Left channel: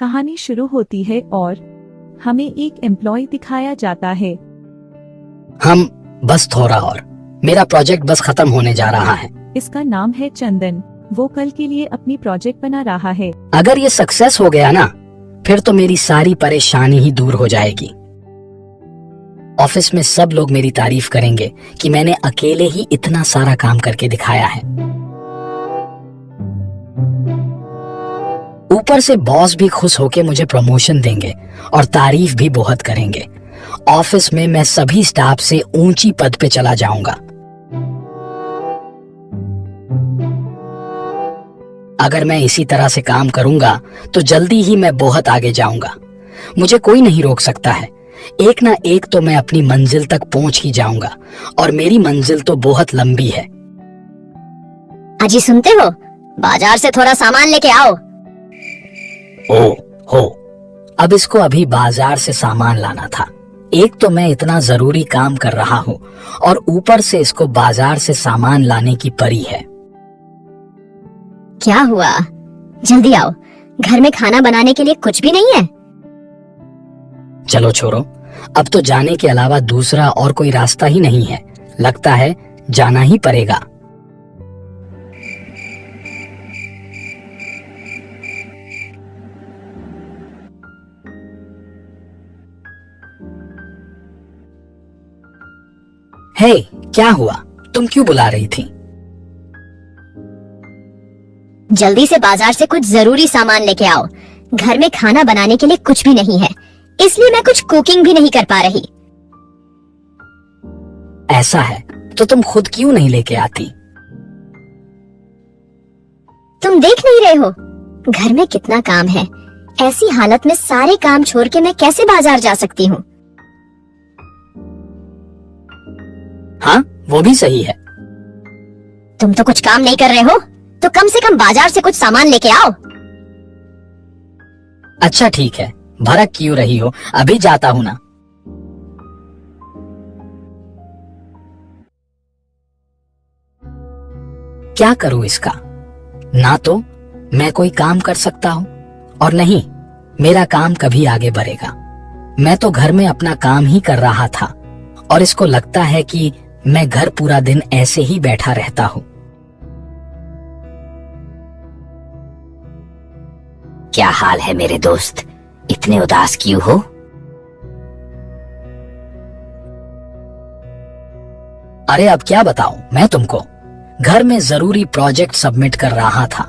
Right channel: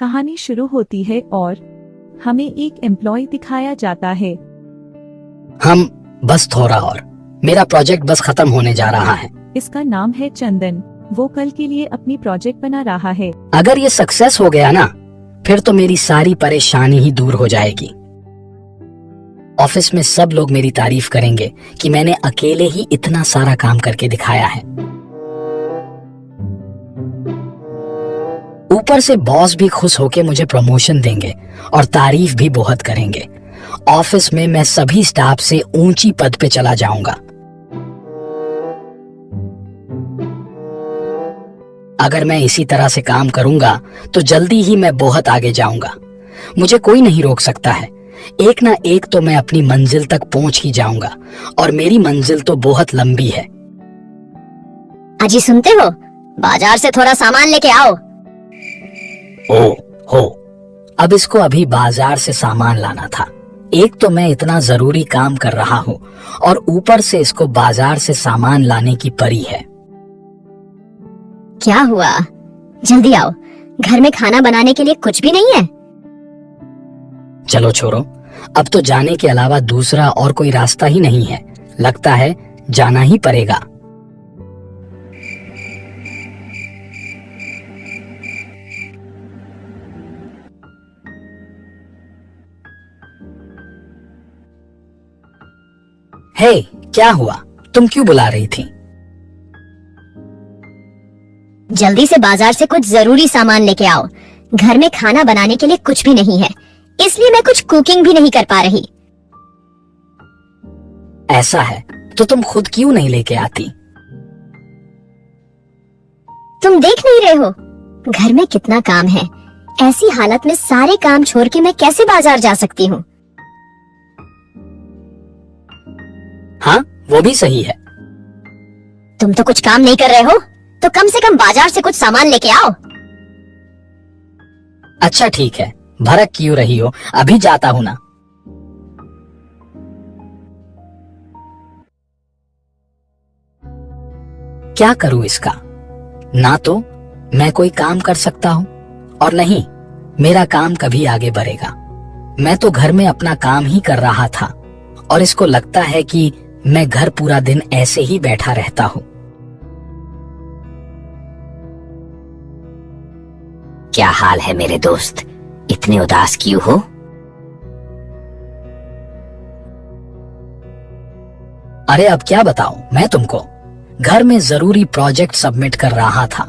कहानी शुरू होती है और हमें एक एम्प्लॉय दिखाया जाता है। हम बस थोड़ा और, मेरा प्रोजेक्ट बस खत्म होने जा रहा है। इसका नाम है चंदन। वो कल के लिए अपनी प्रोजेक्ट बना रहा है। अगर ये सक्सेस हो गया ना, फिर तो मेरी सारी परेशानी ही दूर हो जाएगी। ऑफिस में सब लोग मेरी तारीफ करेंगे कि मैंने अकेले ही इतना सारा काम करके दिखाया है। ऊपर से बॉस भी खुश होके मुझे प्रमोशन देंगे और तारीफ भी बहुत करेंगे। ऑफिस में मैं सभी स्टाफ से ऊंची पद पे चला जाऊंगा। अगर मैं इसी तरह से काम करूंगा तो जल्दी ही मैं बहुत आगे जाऊंगा। मुझे कोई नहीं रोक सकता है। एक ना एक तो मैं अपनी मंजिल तक पहुंच ही जाऊंगा और मेरी मंजिल तो बहुत लंबी है। अजी सुनते हो, बाजार से थोड़ा सामान लेके आओ। ओ हो, अब इसको अभी बाजार से सामान लाना था। एक तो मैं इतना जरूरी काम कर रहा हूँ और ऊपर से इसको बाजार से सामान लाने की परी है। क्या हुआ? जल्दी आओ, घर में खाना बनाने के लिए कुछ भी नहीं है। चलो छोड़ो, अब तो जाने के अलावा दूसरा और कोई रास्ता ही नहीं है। लगता है जाना ही पड़ेगा। हे, क्या हुआ? तुम क्यों बुला रही थी? जल्दी से बाजार से कुछ जरूरी सामान लेके आओ। घर में खाना बनाने के लिए कुछ भी नहीं है, इसलिए मैं कुछ कुकिंग भी नहीं कर पा रही। ऐसा है तो तुम खुद क्यों नहीं लेके आती? तुम देख नहीं रहे हो घर में कितना काम है। ऐसी हालत में सारे काम छोड़ के मैं कैसे बाजार जा सकती हूँ? हाँ, वो भी सही है। तुम तो कुछ काम नहीं कर रहे हो, तो कम से कम बाजार से कुछ सामान लेके आओ। अच्छा ठीक है, भड़क क्यों रही हो? अभी जाता हूँ ना। क्या करूँ इसका? ना तो मैं कोई काम कर सकता हूँ और नहीं मेरा काम कभी आगे बढ़ेगा। मैं तो घर में अपना काम ही कर रहा था और इसको लगता है कि मैं घर पूरा दिन ऐसे ही बैठा रहता हूँ। क्या हाल है मेरे दोस्त? इतने उदास क्यों हो? अरे अब क्या बताऊं मैं तुमको। घर में जरूरी प्रोजेक्ट सबमिट कर रहा था।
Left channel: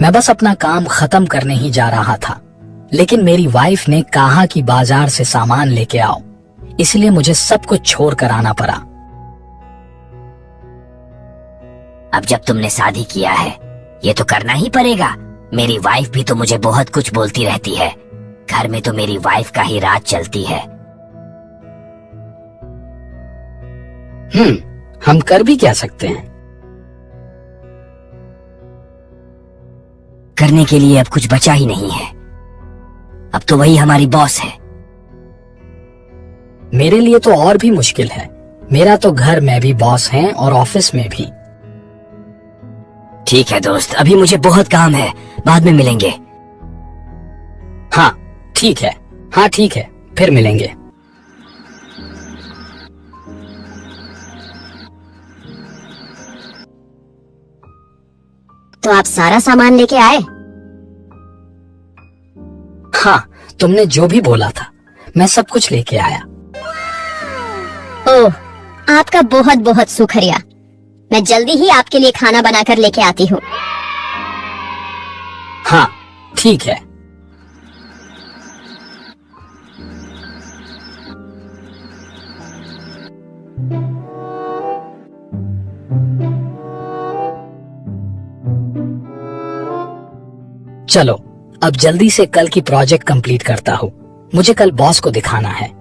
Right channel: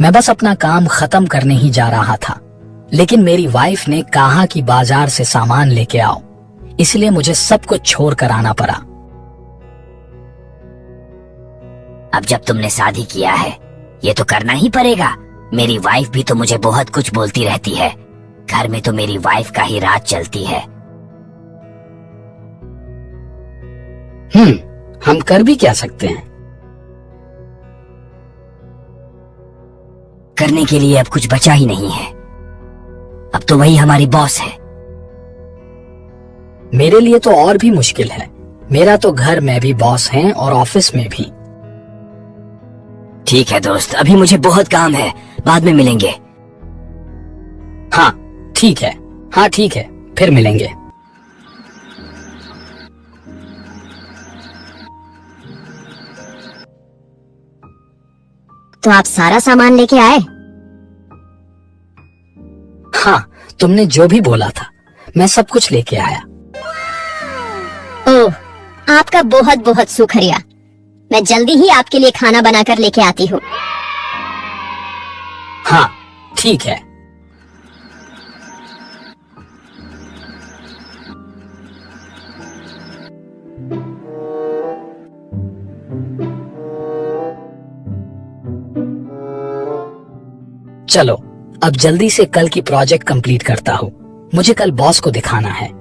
मैं बस अपना काम खत्म करने ही जा रहा था, लेकिन मेरी वाइफ ने कहा कि बाजार से सामान लेके आओ, इसलिए मुझे सब कुछ छोड़ कर आना पड़ा। अब जब तुमने शादी किया है, ये तो करना ही पड़ेगा। मेरी वाइफ भी तो मुझे बहुत कुछ बोलती रहती है। घर में तो मेरी वाइफ का ही राज चलती है। हम कर भी क्या सकते हैं? करने के लिए अब कुछ बचा ही नहीं है। अब तो वही हमारी बॉस है। मेरे लिए तो और भी मुश्किल है। मेरा तो घर में भी बॉस हैं और ऑफिस में भी। ठीक है दोस्त, अभी मुझे बहुत काम है, बाद में मिलेंगे। हाँ ठीक है, हाँ ठीक है, फिर मिलेंगे। तो आप सारा सामान लेके आए? हाँ, तुमने जो भी बोला था मैं सब कुछ लेके आया। ओह, आपका बहुत बहुत शुक्रिया। मैं जल्दी ही आपके लिए खाना बनाकर लेके आती हूँ। हाँ ठीक है। चलो अब जल्दी से कल की प्रोजेक्ट कंप्लीट करता हूँ। मुझे कल बॉस को दिखाना है।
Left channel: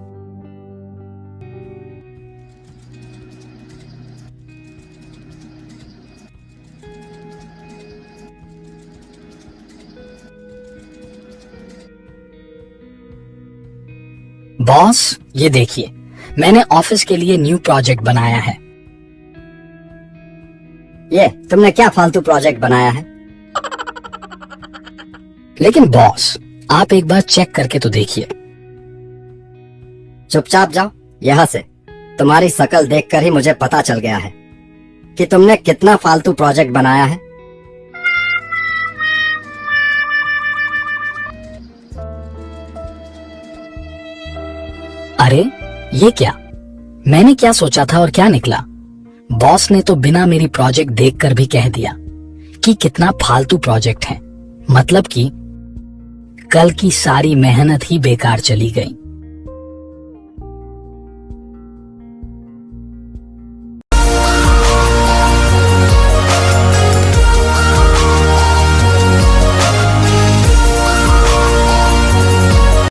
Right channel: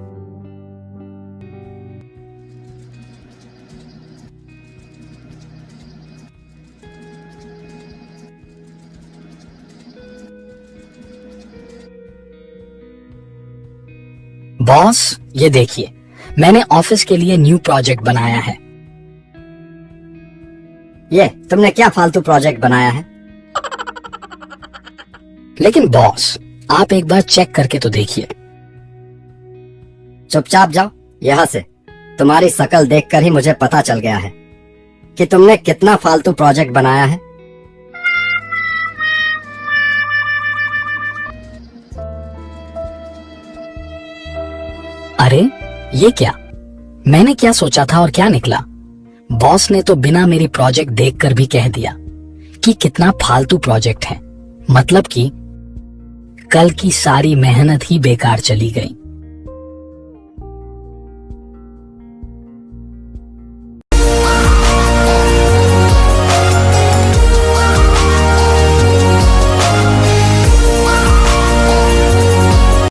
बॉस, ये देखिए, मैंने ऑफिस के लिए न्यू प्रोजेक्ट बनाया है। ये तुमने क्या फालतू प्रोजेक्ट बनाया है? लेकिन बॉस, आप एक बार चेक करके तो देखिए। चुपचाप जाओ यहाँ से। तुम्हारी शकल देखकर ही मुझे पता चल गया है कि तुमने कितना फालतू प्रोजेक्ट बनाया है। अरे ये क्या, मैंने क्या सोचा था और क्या निकला। बॉस ने तो बिना मेरी प्रोजेक्ट देखकर भी कह दिया कि कितना फालतू प्रोजेक्ट है। मतलब कि कल की सारी मेहनत ही बेकार चली गई।